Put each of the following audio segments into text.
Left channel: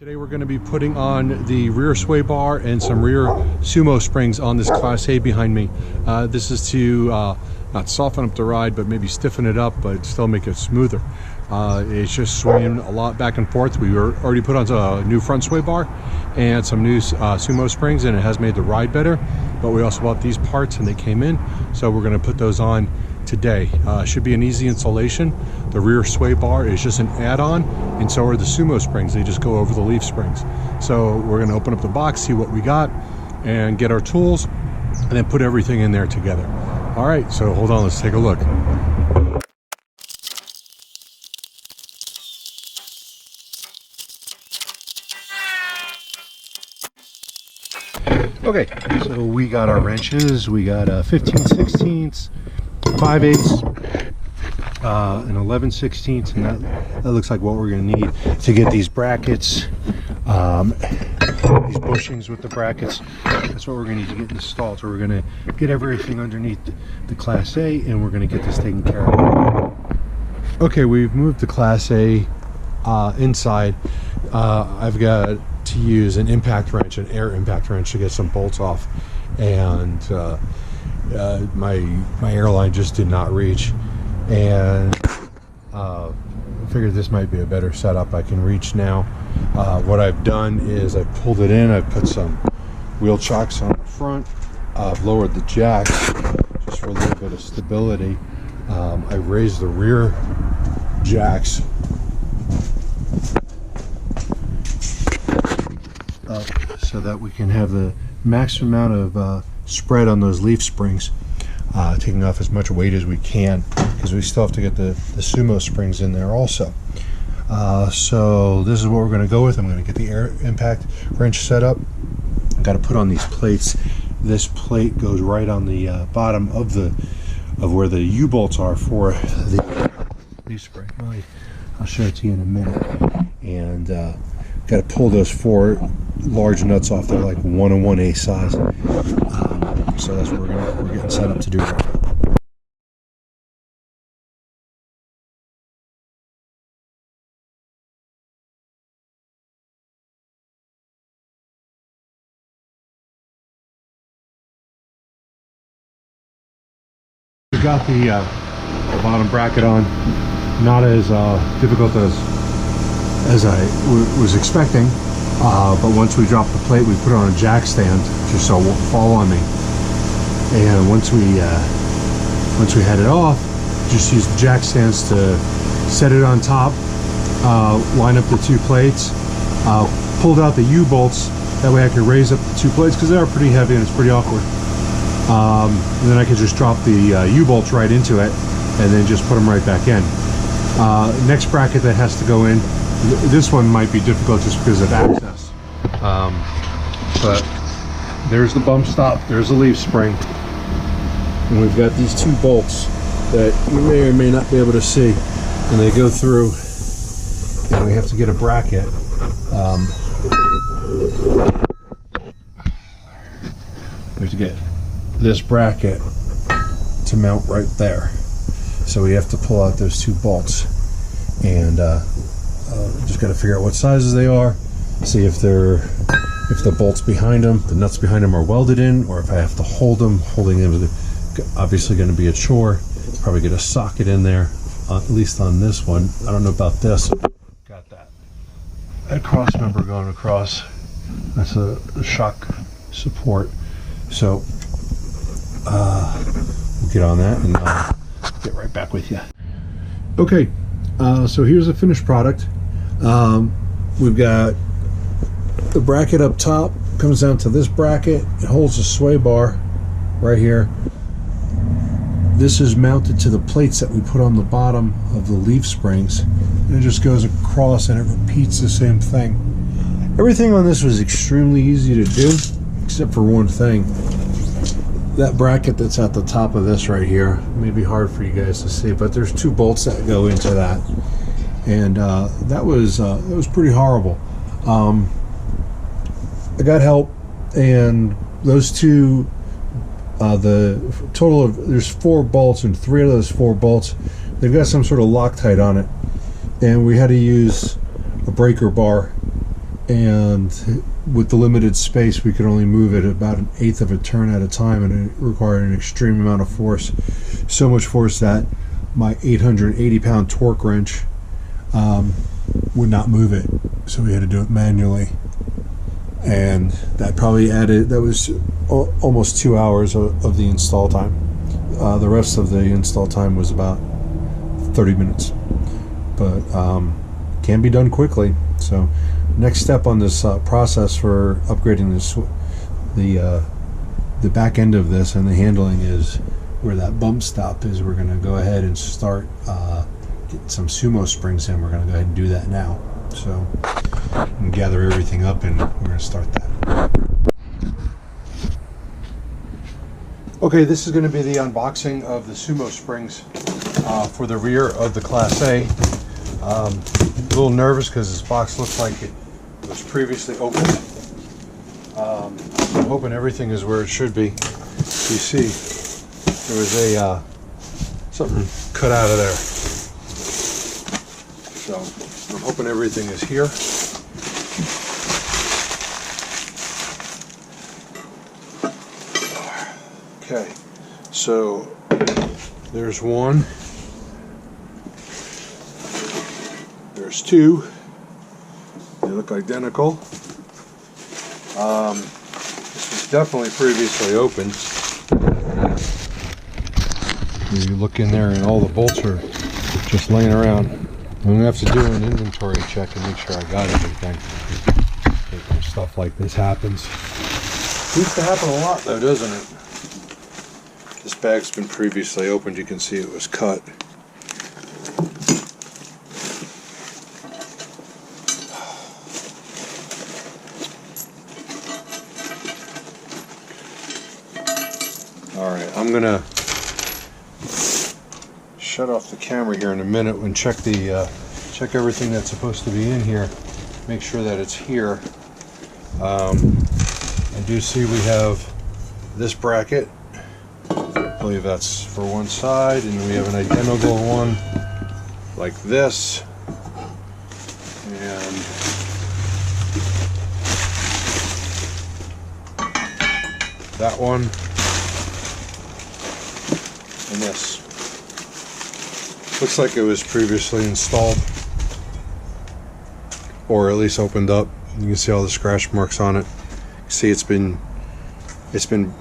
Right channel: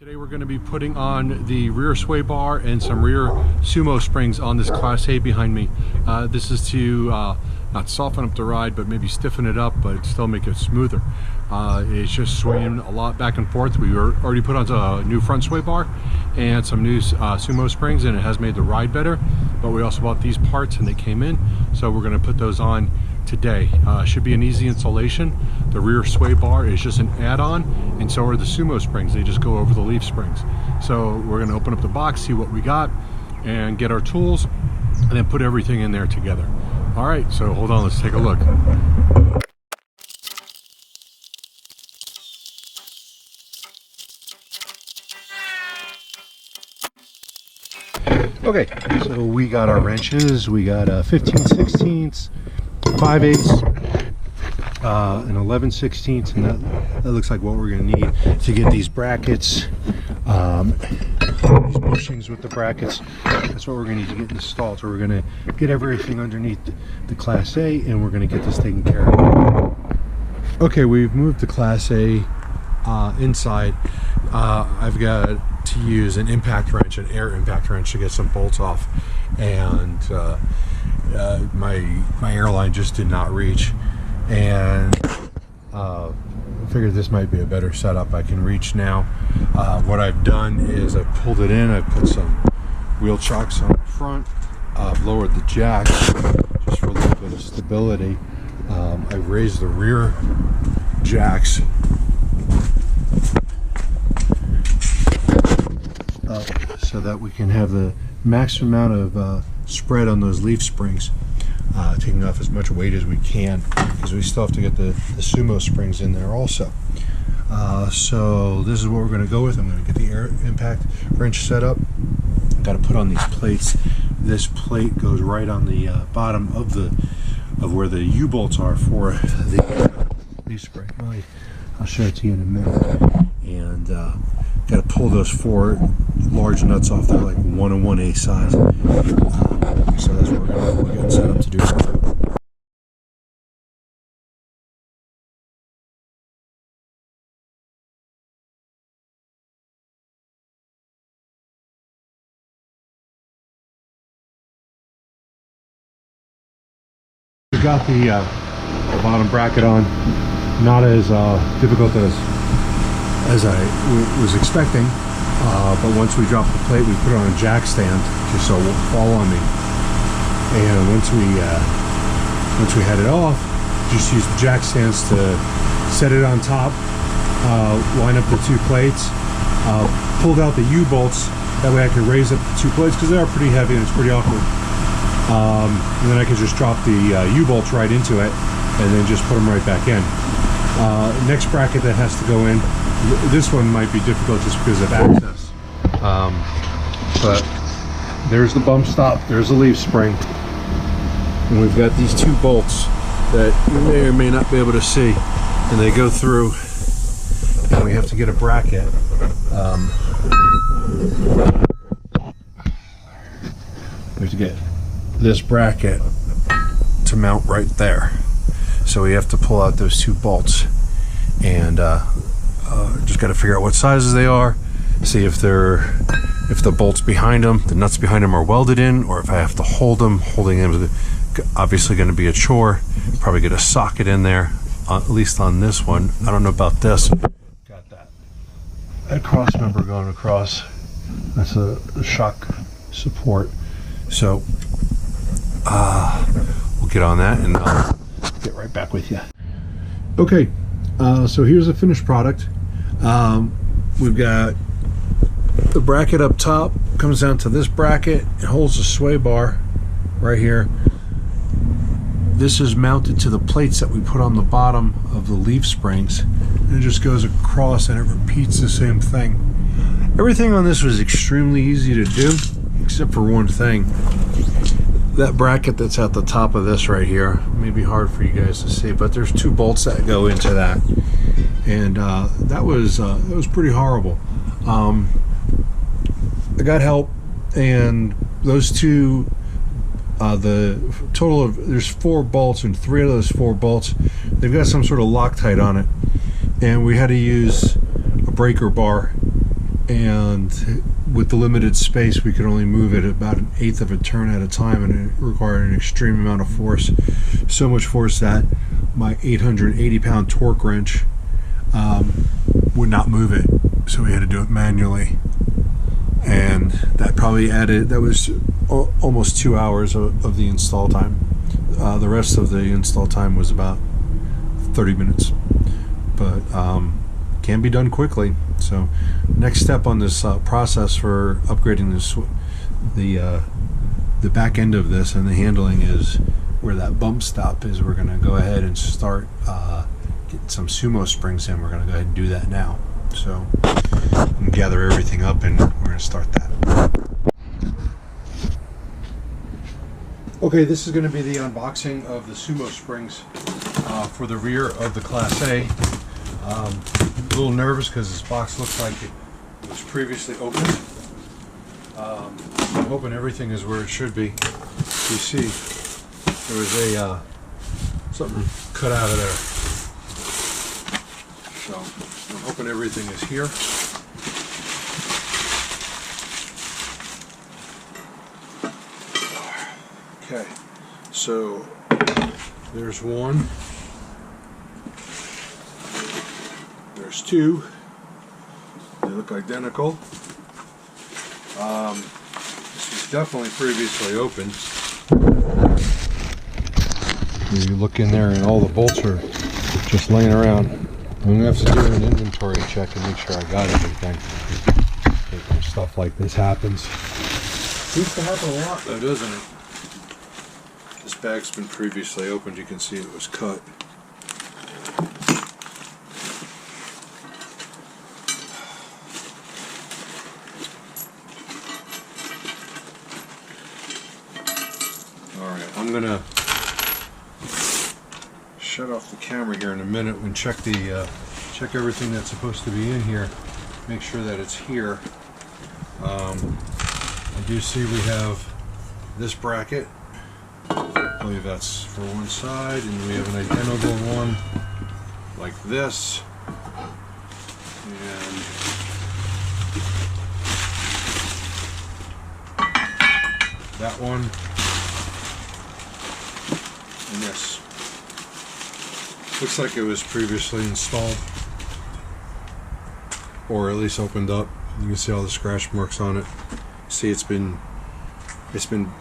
Today we're going to be putting on the rear sway bar and some rear sumo springs on this Class A behind me. This is to not soften up the ride, but maybe stiffen it up, but still make it smoother. It's just swaying a lot back and forth. We already put on a new front sway bar and some new sumo springs, and it has made the ride better. But we also bought these parts and they came in, so we're going to put those on today. Should be an easy installation. The rear sway bar is just an add-on, and so are the sumo springs. They just go over the leaf springs. So we're going to open up the box, see what we got, and get our tools, and then put everything in there together. All right, so hold on, let's take a look. Okay, so we got our wrenches. We got 15/16, 5/8, and 11/16, and that looks like what we're going to need to get these brackets, these bushings with the brackets. That's what we're going to need to get installed. So we're going to get everything underneath the Class A, and we're going to get this taken care of. Okay, we've moved the Class A inside. I've got to use an impact wrench, an air impact wrench, to get some bolts off, and my airline just did not reach, and I figured this might be a better setup. I can reach now. What I've done is I've pulled it in, I've put some wheel chocks on the front, I've lowered the jacks just for a little bit of stability. I've raised the rear jacks up so that we can have the maximum amount of spread on those leaf springs, taking off as much weight as we can, because we still have to get the sumo springs in there also. So this is what we're going to go with. I'm going to get the air impact wrench set up. I've got to put on these plates. This plate goes right on the bottom of where the U-bolts are for the leaf spring. I'll show it to you in a minute. And got to pull those 4 large nuts off. They're like 1 and 1/8 size. So that's what we're getting set up to do right now. We got the bottom bracket on. Not as difficult as I was expecting. But once we drop the plate, we put it on a jack stand just so it won't fall on me. And once we had it off, just use the jack stands to set it on top, line up the 2 plates, pulled out the U-bolts. That way I could raise up the 2 plates, because they are pretty heavy and it's pretty awkward. And then I could just drop the U-bolts right into it and then just put them right back in. Next bracket that has to go in, this one might be difficult just because of access, but there's the bump stop, there's the leaf spring, and we've got these 2 bolts that you may or may not be able to see, and they go through, and we have to get a bracket. We have to get this bracket to mount right there, so we have to pull out those 2 bolts, and just got to figure out what sizes they are, see if the bolts behind them, the nuts behind them, are welded in, or if I have to hold them. Holding them is obviously going to be a chore. Probably get a socket in there, at least on this one. I don't know about this. Got that cross member going across. That's a shock support. So we'll get on that and get right back with you. Okay, so here's the finished product. We've got the bracket up top, comes down to this bracket. It holds the sway bar right here. This is mounted to the plates that we put on the bottom of the leaf springs, and it just goes across and it repeats the same thing. Everything on this was extremely easy to do, except for one thing. That bracket that's at the top of this right here may be hard for you guys to see, but there's 2 bolts that go into that, and that was pretty horrible. I got help, and those 2, the total of, there's 4 bolts, and 3 of those 4 bolts, they've got some sort of Loctite on it, and we had to use a breaker bar and with the limited space we could only move it about 1/8 of a turn at a time, and it required an extreme amount of force, so much force that my 880-pound torque wrench would not move it, so we had to do it manually. And that probably added, that was almost 2 hours of the install time. The rest of the install time was about 30 minutes, but can be done quickly. So next step on this process for upgrading this, the back end of this and the handling is where that bump stop is. We're going to go ahead and start getting some Sumo Springs in. We're going to go ahead and do that now. So and gather everything up, and we're going to start that. Okay, this is going to be the unboxing of the Sumo Springs for the rear of the Class A. A little nervous because this box looks like it was previously opened. I'm hoping everything is where it should be. You see, there was a something cut out of there. So I'm hoping everything is here. Okay, so there's one, there's two, they look identical. This was definitely previously opened. You look in there and all the bolts are just laying around. I'm going to have to do an inventory check and make sure I got everything. When stuff like this happens. Seems to happen a lot though, doesn't it? This bag's been previously opened. You can see it was cut. Alright, I'm gonna shut off the camera here in a minute and check check everything that's supposed to be in here. Make sure that it's here. I do see we have this bracket. I believe that's for one side, and we have an identical one like this, and that one, and this. Looks like it was previously installed, or at least opened up. You can see all the scratch marks on it. See, it's been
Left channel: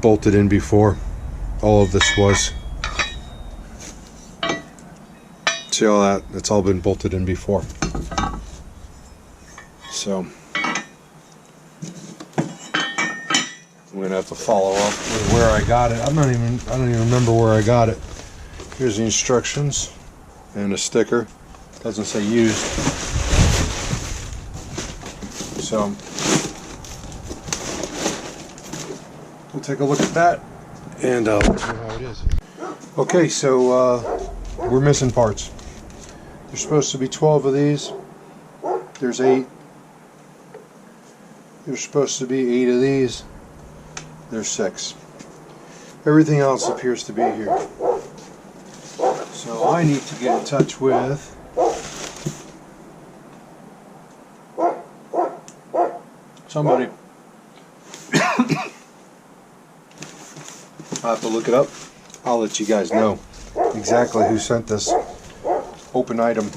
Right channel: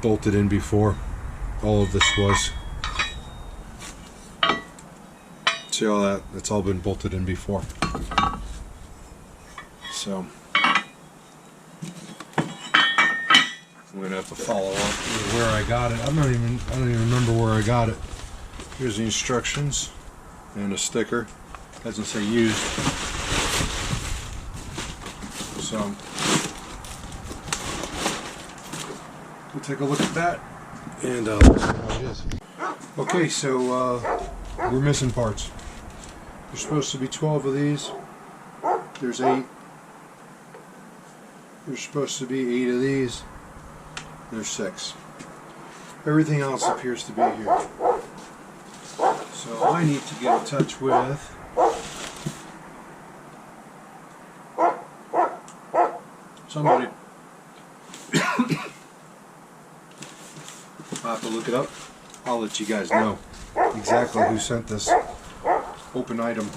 bolted in before. All of this was. See all that? It's all been bolted in before. So I'm gonna have to follow up with where I got it. I don't even remember where I got it. Here's the instructions and a sticker. Doesn't say used. So we'll take a look at that and see how it is. Okay, so we're missing parts. There's supposed to be 12 of these. There's 8. There's supposed to be 8 of these. There's 6. Everything else appears to be here. So I need to get in touch with somebody. I'll have to look it up. I'll let you guys know exactly who sent this open item,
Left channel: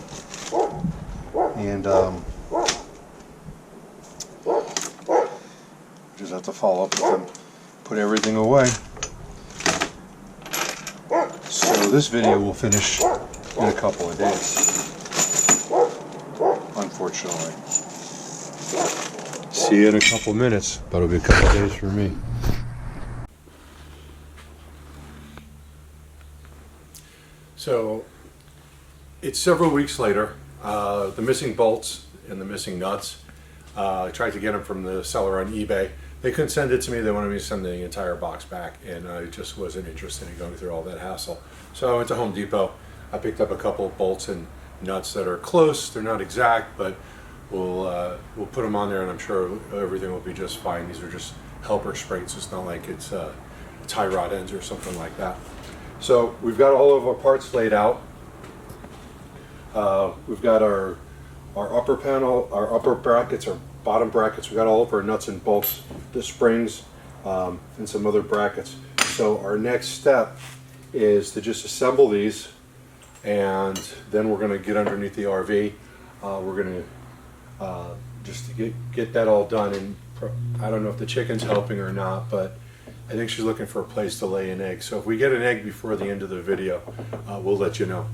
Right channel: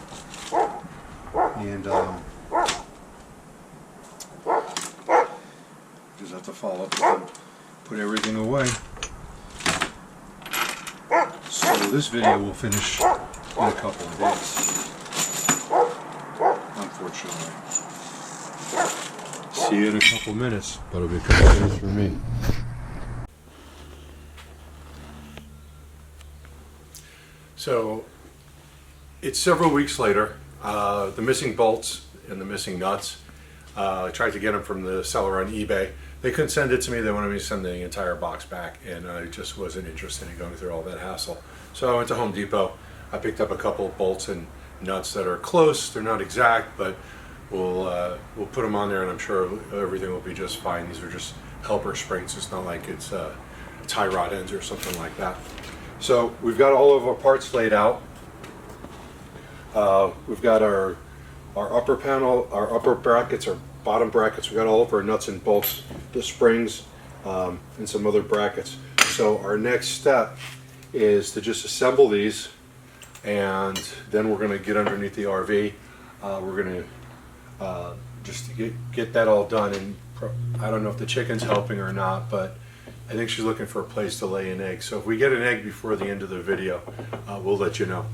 and just have to follow up with them, put everything away. So this video will finish in a couple of days, unfortunately. See you in a couple minutes, but it'll be a couple of days for me. So it's several weeks later. The missing bolts and the missing nuts, I tried to get them from the seller on eBay. They couldn't send it to me. They wanted me to send the entire box back, and I just wasn't interested in going through all that hassle. So I went to Home Depot. I picked up a couple of bolts and nuts that are close. They're not exact, but we'll put them on there, and I'm sure everything will be just fine. These are just helper springs. It's not like it's tie rod ends or something like that. So we've got all of our parts laid out. We've got our our upper panel, our upper brackets, our bottom brackets, we got all of our nuts and bolts, the springs, and some other brackets. So our next step is to just assemble these, and then we're going to get underneath the RV. We're going to just to get that all done, and I don't know if the chicken's helping or not, but I think she's looking for a place to lay an egg. So if we get an egg before the end of the video, we'll let you know.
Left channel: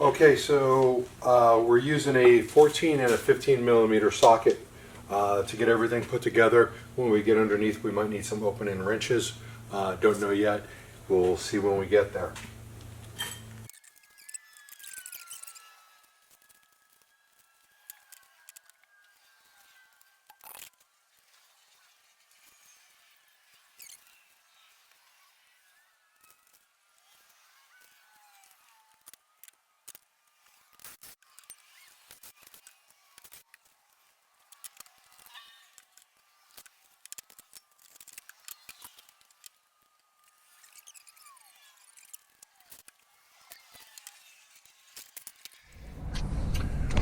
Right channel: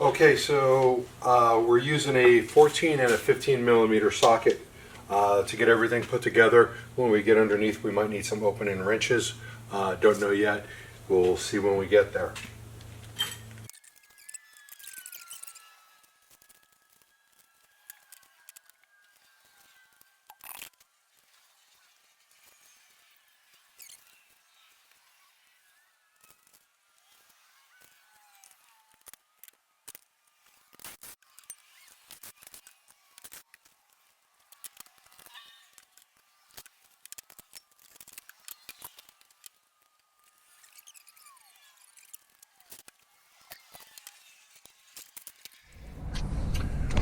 Okay, so we're using a 14 and a 15 millimeter socket to get everything put together. When we get underneath, we might need some opening wrenches. Don't know yet. We'll see when we get there.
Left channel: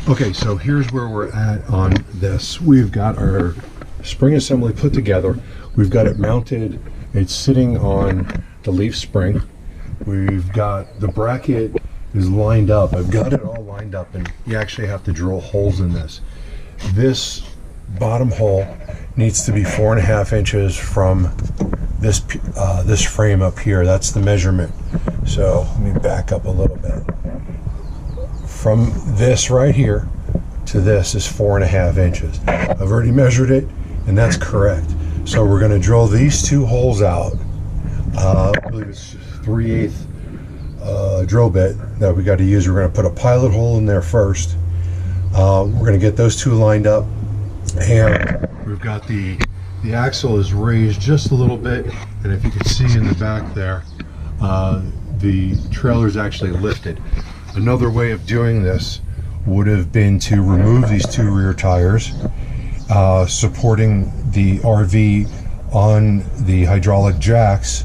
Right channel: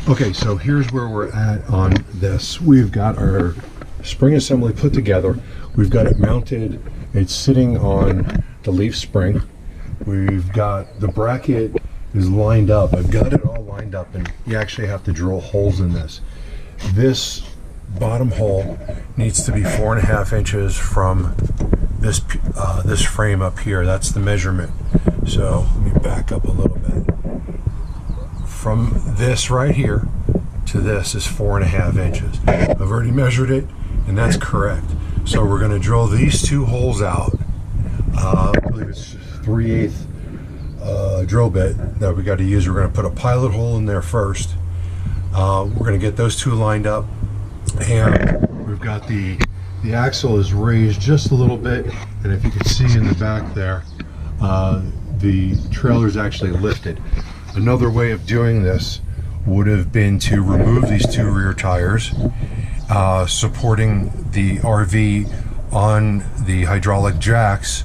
Okay, so here's where we're at on this. We've got our spring assembly put together. We've got it mounted. It's sitting on the leaf spring. We've got the bracket is lined up. I've got it all lined up, and you actually have to drill holes in this. This bottom hole needs to be 4.5 inches from this this frame up here. That's the measurement. So let me back up a little bit. From this right here to this is 4.5 inches. I've already measured it, and that's correct. So we're going to drill these two holes out. I believe it's 3/8 drill bit that we got to use. We're going to put a pilot hole in there first. We're going to get those two lined up, and we've got the axle is raised just a little bit, and if you can see in the back there, the trailer is actually lifted. Another way of doing this would have been to remove these two rear tires, supporting the RV on the hydraulic jacks,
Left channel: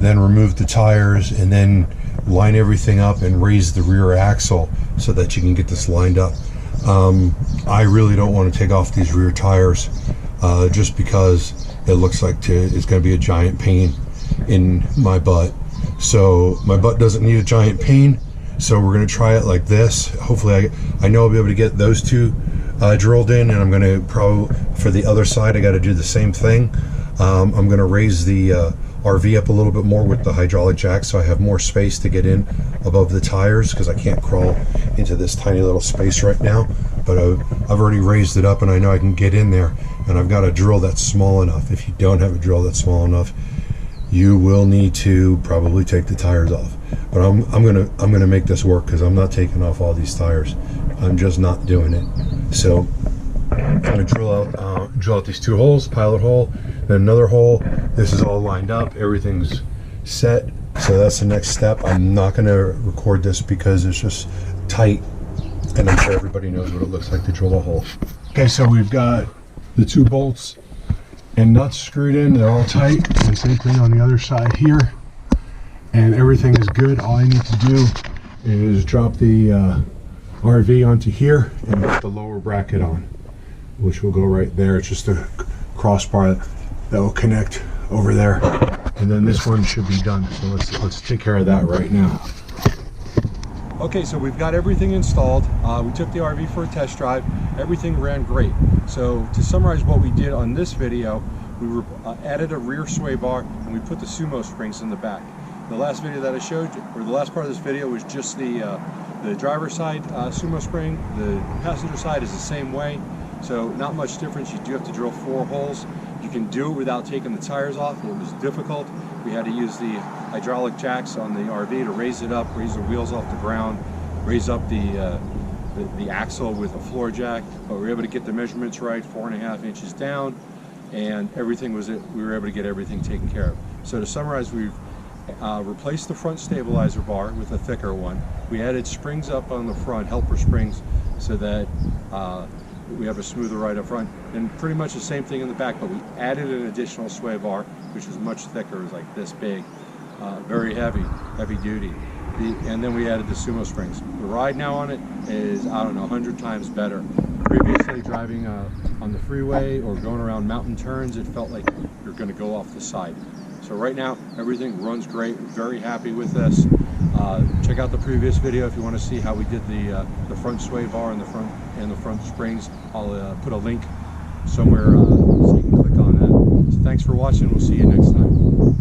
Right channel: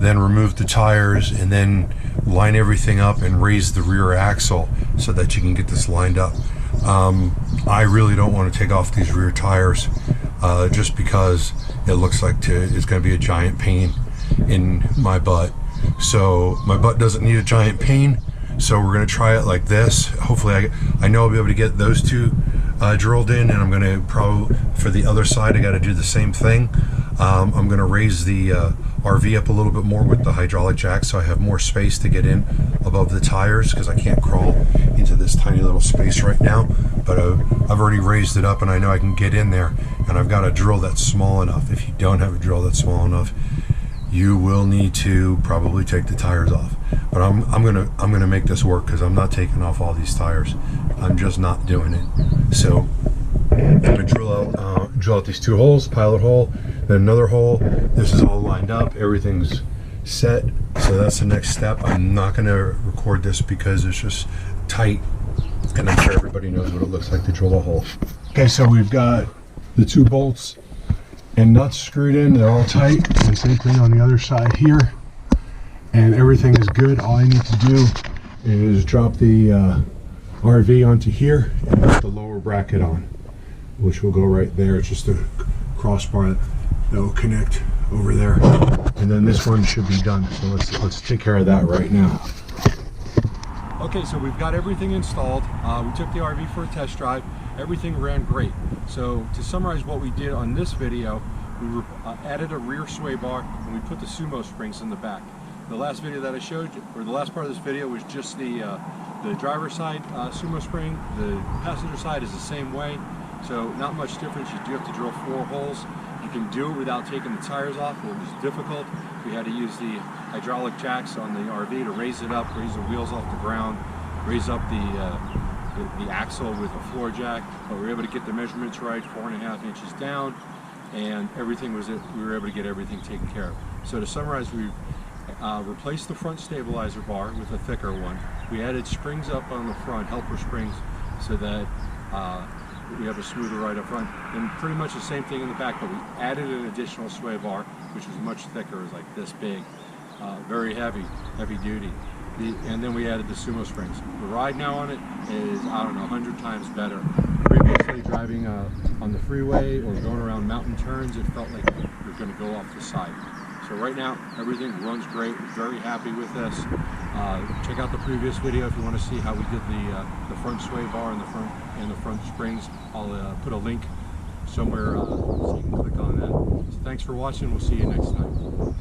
then remove the tires, and then line everything up and raise the rear axle so that you can get this lined up. I really don't want to take off these rear tires just because it looks like it's going to be a giant pain in my butt. So my butt doesn't need a giant pain. So we're going to try it like this. Hopefully I know I'll be able to get those two drilled in, and I'm going to probably, for the other side, I got to do the same thing. I'm going to raise the RV up a little bit more with the hydraulic jack so I have more space to get in above the tires, because I can't crawl into this tiny little space right now. But I've already raised it up, and I know I can get in there, and I've got a drill that's small enough. If you don't have a drill that's small enough, you will need to probably take the tires off. But I'm gonna make this work, because I'm not taking off all these tires. I'm just not doing it. So I'm gonna drill out these two holes, pilot hole, then another hole. This is all lined up. Everything's set. So that's the next step. I'm not gonna record this because it's just tight, and I'm sure everybody knows what it looks like to drill a hole. Okay, so we've got the two bolts and nuts screwed in. They're all tight. And same thing on the other side here. And everything is good. All I need to do is drop the RV onto here and put the lower bracket on, which will go right there. It's just a crossbar that will connect over there, and then this one should be done. So let's take care of that right now. Okay, so we've got everything installed. We took the RV for a test drive. Everything ran great. So to summarize what we did on this video, we added a rear sway bar, and we put the Sumo Springs in the back. The last video that I showed you, or the last part of this video, was just the driver's side Sumo Spring. The passenger side is the same way, so not much difference. You do have to drill 4 holes. You can do it without taking the tires off. It was difficult. We had to use the hydraulic jacks on the RV to raise it up, raise the wheels off the ground, raise up the axle with a floor jack. But we were able to get the measurements right, 4.5 inches down, and everything was it. We were able to get everything taken care of. So to summarize, we've replaced the front stabilizer bar with a thicker one. We added springs up on the front, helper springs, so that we have a smoother ride up front, and pretty much the same thing in the back, but we added an additional sway bar, which is much thicker, is like this big, very heavy duty. And then we added the Sumo Springs. The ride now on it is, I don't know, 100 times better. Previously driving on the freeway or going around mountain turns, it felt like you're going to go off the side. So right now, everything runs great. Very happy with this. Check out the previous video if you want to see how we did the front sway bar and the front springs. I'll put a link somewhere so you can click on that. So thanks for watching. We'll see you next time.